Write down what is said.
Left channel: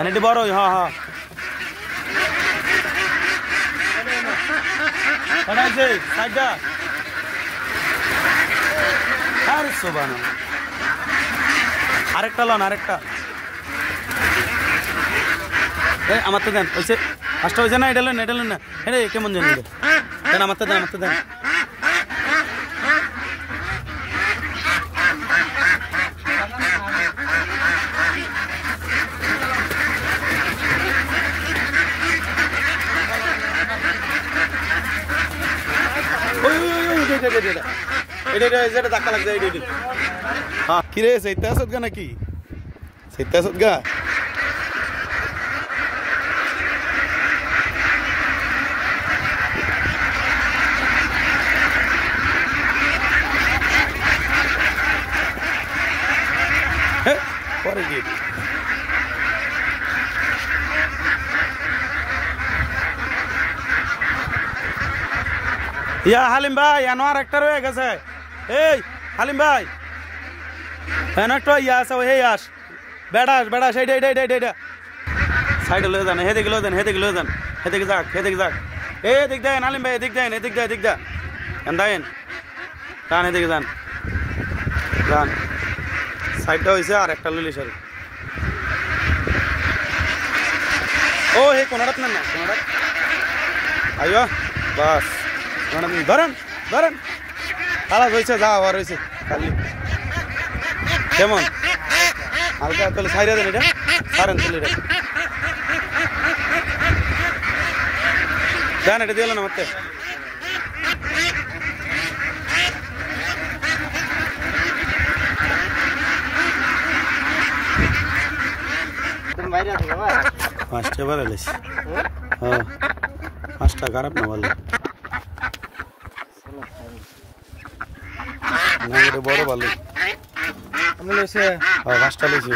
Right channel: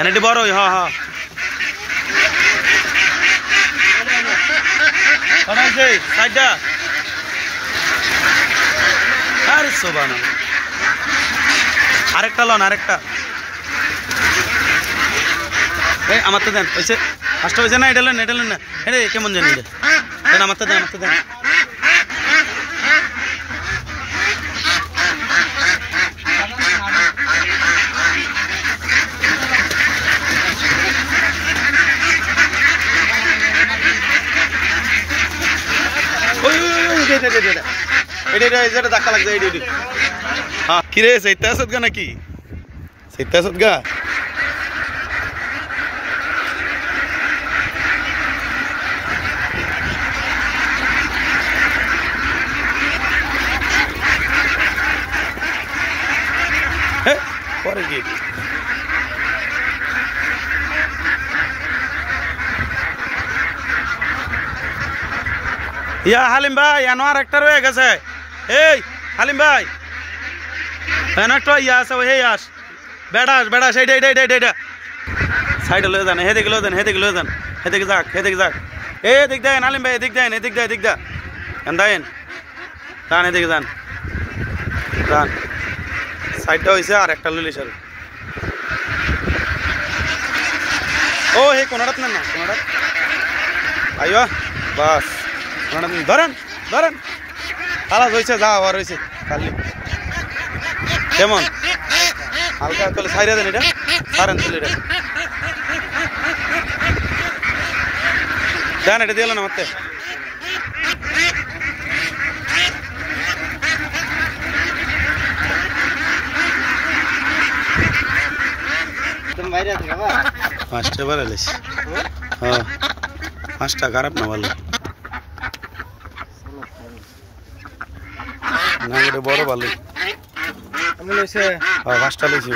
এনে বড় হ্যাঁ হ্যাঁ আছে সাইডটা আরে সোবানা আরেকটা লন আরেকটা এই আমার তো দেন ওইসে ফার্স্ট হয়েছে না এটা লেন না এটা কেমন জানি দেন আমার তো দেন এটা ধাক্কা লাগছে হ্যাঁ কিরে সেইটা আসত গা নাকি সেইটা আসত গা পরে কি ইয়া হালিম ভাই এনো আর একটা রয়ে গেছে এই হালিম ভাই এনো একটা ইয়া আছে ওই আস বেড়াস এইটা সাইডে লয়ে যান হেদিকে লয়ে যান হেদিকে যাক এদিক দেন হালিম ভাই এদিক দেন এদিক দা এন্দাইন যান এদিকে যান সাইডটা হইছে আর একটা লইলি সর ও হে কোনটাত না কোনটাত আইও বাস ধরেন খালাস হয়েছে যা হওয়ার হয়েছে খালি কেমন হালকা তাহলে সাইরা দেন এটা সারেন তাহলে এটা দেন এটা দিয়ে না মারতে পাঁচটা বার এলিস হ্যাঁ পাঁচটা খারাপ না ভালো না এটা বড় ভালো পাঁচটা লইছি